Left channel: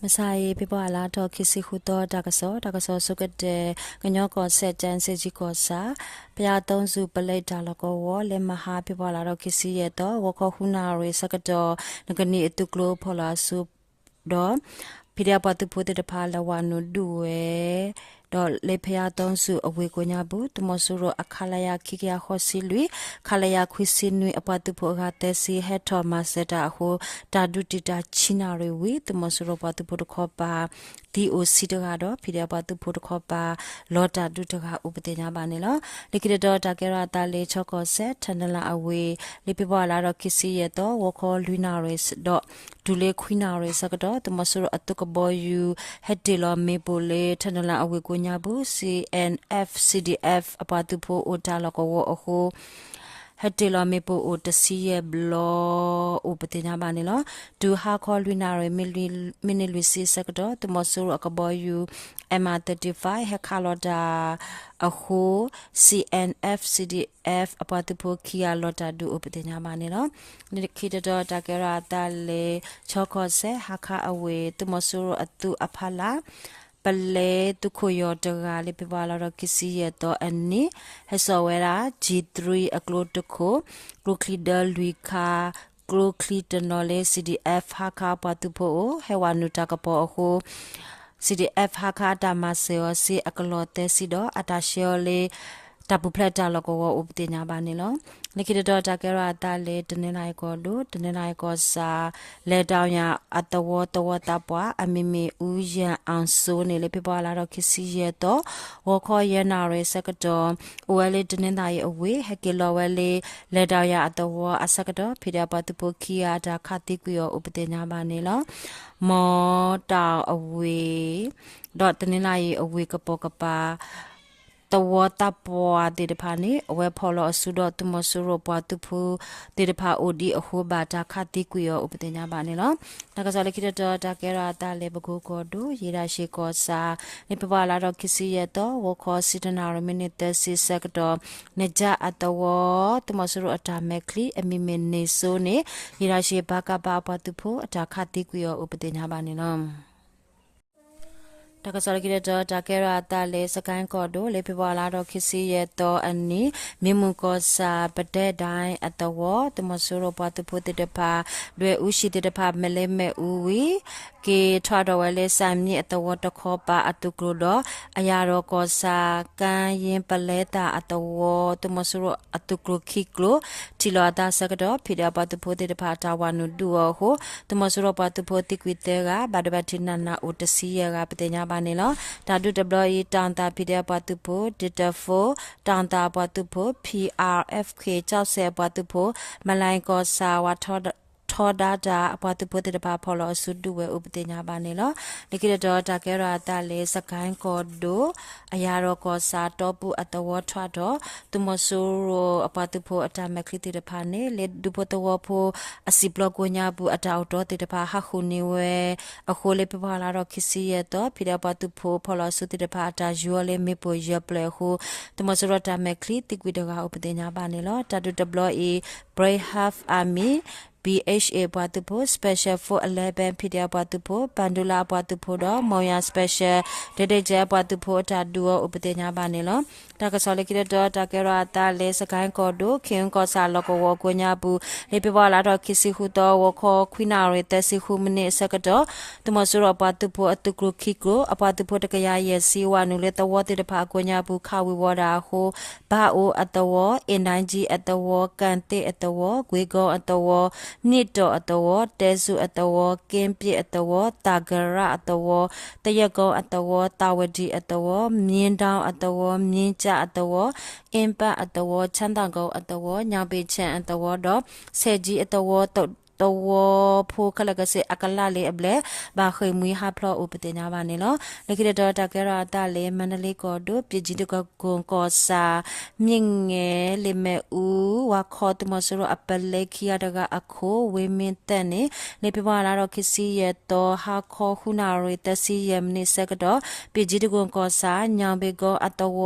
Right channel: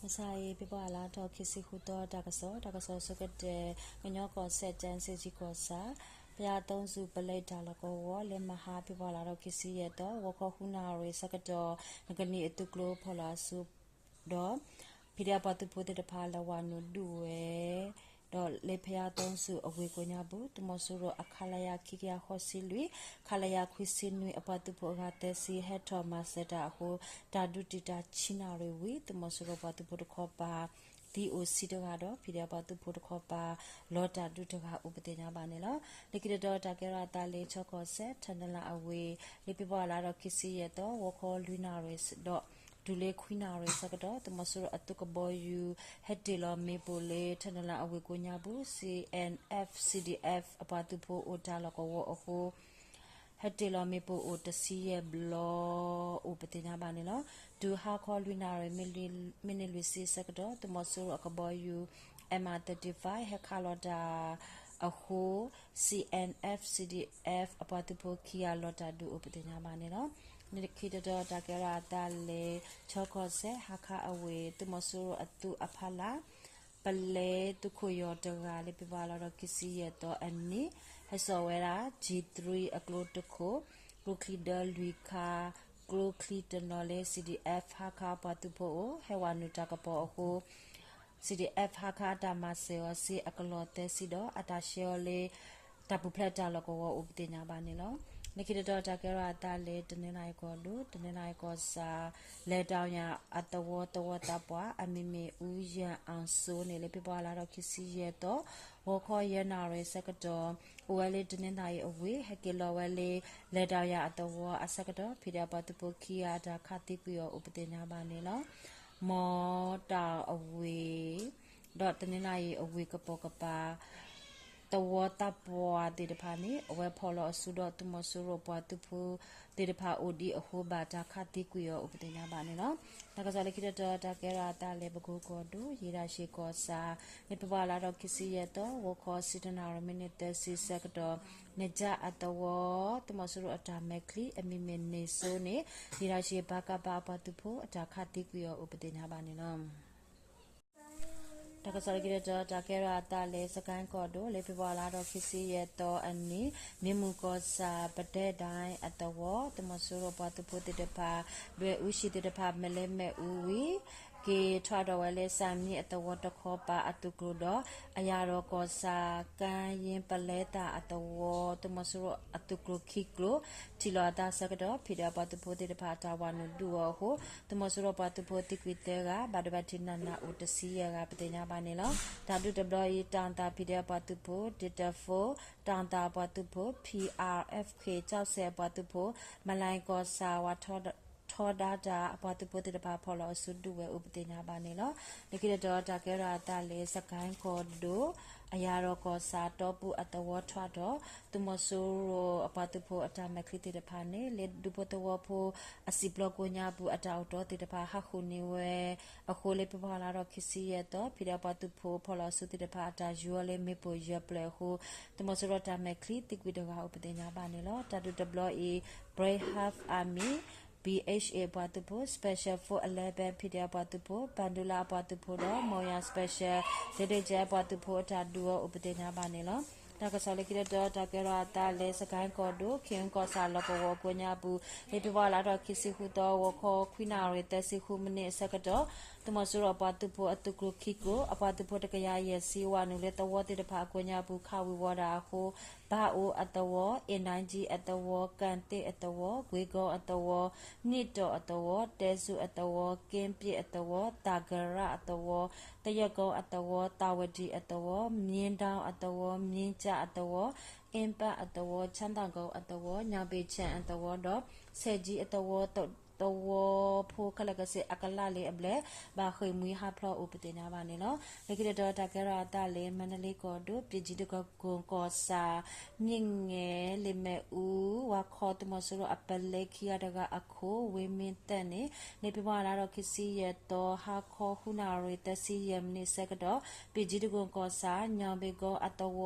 Masai people ala to kisi huto dakaso sukade ganyo ko set jan seji ko sa pya tong su palai dalako wo le maha people ala to kisi ye to wo ko huna re sakado ngani etuklo phola su do pidia patu pote de phala wanu duwe do le phya tong su awe ko nya bu tumosuro akhalaya khikya khosi lui khalaya khwisi nui apatu pho ga te si he thomas seta ho tadu tita china re wi tumosuro patu pho kho pa DOC တကတော့ဖိရပါသူဖို့တခေါ်ပါလော်တာဒုတကဥပဒေညာပါနေလို့လိကိတော့တာကရတာလေချော့ကောဆက်ထန်လာအဝေးလိပြပါလာတော့ခစီရတော့ဝခေါ်လူနာရစ်တော့ဒူလေခွိနာရစ်စကတော့တမဆူအတုကဘောယူဟက်တီလောမေပိုလေထန်လာအဝေးကိုညာဘူး CNF CDF အပါသူဖို့အိုတာလကောဝအခုဟက်တီလာမေပိုအိုတစီရဲ့ဘလောဥပတိညာပါနေလို့ဒူဟာခေါ်လူနာရမီနီလူစီစကတော့တမဆူအကဘောယူ MR35 ဟက်ခါလော်ဒါအခု CNF CDF အပတ်တဖို့ခီယာလော်တာဒူဥပတိညာပါနေလို့နိခိတတော်တကရတာလေချောခောဆေဟာခါအဝေတမဆူအတူအဖလာပလေတုခိုယောတကလေးပြပါလာတော့ကစီရတော့အနိဟဆောဝဲရာ G3 အကလိုတခိုကလိုခလီဒလူခါကလိုခလီတနော်လေ CDF ဟာခါပတူဖို့ဟဲဝနုတကပေါ်အခု CDF ဟာခါတာမဆေယောစီအကလောတဲစီတော့အတာရှေောလေတပူဖလက်တာလကောဥပဒေညာပါနေလို့နိခိတတော်တကရတာလေတနေနိုင်ကောတို့တနေနိုင်ကောစာလေတောင်ရအတဝတဝတပွားအမီမီဦးရန်အောင်စိုးနေလေပြပလာတော့ခစီရတော့ဝခေါ်ရနာရစကတော်အိုဝဲလေတနေနိုင်အဝေးဟကီလောဝဲလေလေတောင်ရအတဝအစကတော်ဖိရပတပုခိယာတာခတိကွေဥပဒေညာပါနေလို့မောတောင်အဝေးတော့တနေနိုင်အဝေးကပေါ်ကပါတဝတာပွားတေတဖာနေအဝဲဖော်လို့ဆုတော့တမဆူရပွားတူဖူတေတဖာအိုဒီအဟိုဘာတာခတိကွေရောဥပဒေညာပါနေလို့တကစားလေခိတတော်တကရတာလေဘကူကောဒူရေရာရှိကောစာနေပပလာတော့ခစီရတော့ဝခေါ်စီတနာရမိနစ်တစီစက်တော့နေကြအတဝတမဆူရအတာမက်ခလီအမီမနေဆိုနေရေရာရှိဘာကပါပွားတူဖူအတာခတိကွေရောဥပဒေညာပါနေလို့တကစားကိရတော့တကရတာလေစကိုင်းကော်ဒိုလေပြပွားလာတော့ခစီရတော့အနီမြမှုကောစာပတဲ့တိုင်းအတဝတမဆူရပွားတူဖူတေတဖာလွယ်ဦးရှိတေတဖာမလဲမဲ့ဦးဝီကေထွားတော်ဝဲလေစံမြင့်အတဝတခောပါအတုကလို့တော့အရာတော်ကောစာကန်ရင်ပလဲတာအတဝတမဆူရအတုကလို့ခိကလို့တီလာတာစကတော့ဖိရပါတူဖူတေတဖာတာဝနုဒူဟိုတမဆူရပါတူဖူတိကွေတဲကဘာဒဘတိနနာအိုတစီရကပတဲ့ညာပါနေလို့ဓာတု WE တန်တာဖိရပါတူဖူဒီတဖိုတန်တာပါတူဖူ PRFK ကြောက်ဆဲပါတူဖူမလိုင်းကောစာဝထောထောဒါတာအပတ်ပုတ်တဲ့ပါဖော်လို့ဆုတူဝဲဥပဒေညာပါနေလို့ဒီကိတော့တကဲရတာလေစကိုင်းကောဒိုအရာတော့ကောစာတော့ပူအတဝထွားတော့သူမဆူရအပတ်ဖို့အတမခလီတဲ့ပါနေလေဒုပတဝဖို့အစီဘလော့ကိုညာဘူးအတောက်တော့တဲ့ပါဟာခုနေဝဲအခုလေပြပါလာတော့ခစီရတော့ဖိရပတ်ဖို့ဖော်လို့ဆုတဲ့ပါတာယူလေမေပိုရပလေခုသူမဆူရတာမခလီတိကွေတကဥပဒေညာပါနေလို့တတူ WE Brave Half Army BHA ဘွားတူဖို့ special for 11 PDA ဘွားတူဖို့ Bandula ဘွားတူဖို့တော့မောင်ရ special ဒေဒေကျဘွားတူဖို့တာဒူဥပဒေညာပါနေလို့တကဆော်လေကိတော့တကရတာလေစကိုင်းကောဒိုခင်ကောစာလကောဝကိုညာဘူးလေပြပါလာတော့ခစီခုတော့ဝခေါ်ခွိနာရတဲ့စီခုမနစ်စကတော့တမဆူရဘွားတူဖို့အတုကခိကိုအဘွားတူဖို့တကရရဲ့စီဝနုလေတဝတိတဖာကိုညာဘူးခဝီဝဒါဟိုဘာအိုအတဝအင်တိုင်းကြီးအတဝကန်တေအတဝဂွေကောအတဝနိတောအတဝတဲစုအတဝကင်းပြအတဝတာဂရအတဝတရကောအတဝတာဝဒီအတဝမြင်းတောင်အတဝမြင်းကြအတဝအင်ပအတဝချမ်းသာကောအတဝညောင်ပေချန်အတဝတော့ဆဲကြီးအတဝတော့ဖိုခလကစေအကလာလေအဘလေဘာခွေမွေဟာဖလောဥပဒေညာပါနေလို့လေကိတော့တကရတာလေမန္တလေးကောတို့ပြည်ကြီးတကကွန်ကောစာမြင့်ငယ်လေမဲ့ဦးဝါခေါ်တမဆရအပလေခီယာတကအခိုဝေမင်းတဲ့နေလေပြပါလာတော့ခစီရတော့ဟာခေါ်ခုနာရတစီယမနိစကတော့ပြည်ကြီးတကွန်ကောစာညောင်ဘေကောအတဝ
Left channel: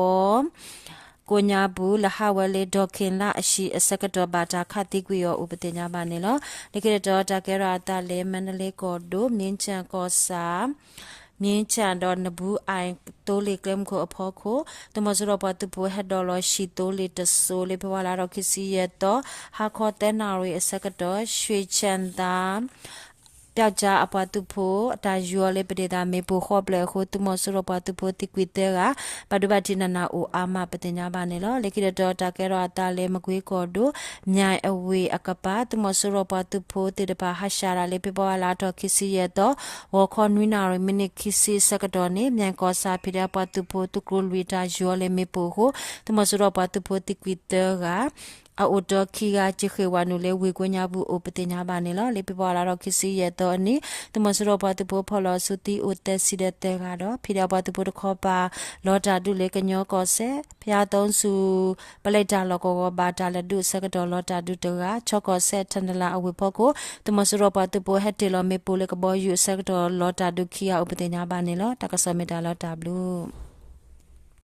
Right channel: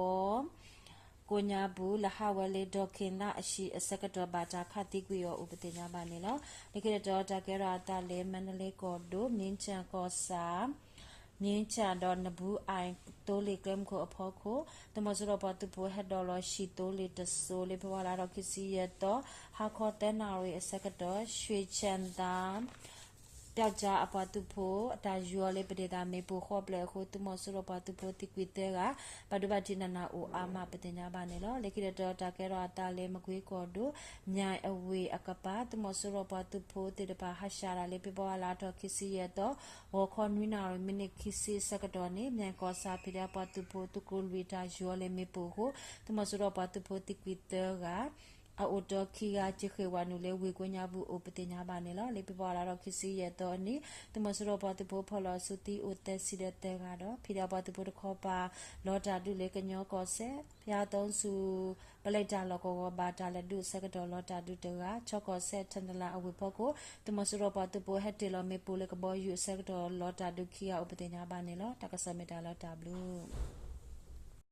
ကိုညာဘူးလဟဝလေဒေါခင်လာအရှိအစကတော်ဘာတာခတိကွေရောဥပတင်ညာပါနေလောဒီကရတော်တာကဲရာတာလေမန္တလေးကောဒိုမြင်းချံကောစာမြင်းချံတော်နဘူးအိုင်တိုးလေကလမ်ကိုအဖို့ကိုတမစရပတူပိုဟက်ဒေါ်လရှိတိုးလေတဆိုလေဘဝလာတော့ခစီရတော့ဟာခေါ်တဲ့နာရီအစကတော်ရွှေချန်တာပြောက်ကြအပတူဖို့အတာယူလေပဒေတာမေပိုခေါပလေခုတမစရပတူဖို့တိကွေတဲကဘဒုဘတိနနာအိုအာမပတင်ညာပါနေလောလေခိရတော်တာကဲရောတာလေမကွေးကောဒိုမြိုင်အဝေအကပါတမစရပတူဖို့တိတပါဟရှာရာလေပပလာတော့ခစီရတော့ဝခေါနွိနာရမိနစ်ခစီစကတော်နေမြိုင်ကောစာဖိရပတူဖို့တုကရလဝီတာယူလေမေပိုခုတမစရပတူဖို့တိကွေတဲကအိုတော်ခီကချခေဝနုလေဝေကွညာဘူးအိုပတင်ညာပါနေလောလေပြပေါ်လာတော့ခစီရတော့နိတမစရောပါတပိုဖော်လို့စုတီအိုတက်စီတဲ့တဲ့ကတော့ဖိရပါတပိုတခေါ်ပါလောတာဒုလေကညောကောဆဲဖျားသုံးစုပလိုက်တာလောကောဘာတာလက်ဒုစကတော်လောတာဒုတကချောကောဆဲထန်ဒလာအဝေဖို့ကိုတမစရောပါတပိုဟက်တေလောမေပိုလေကဘောယူစကတော်လောတာဒုခီယာဥပတင်ညာပါနေလောတကဆမေတာလောတာဘလူး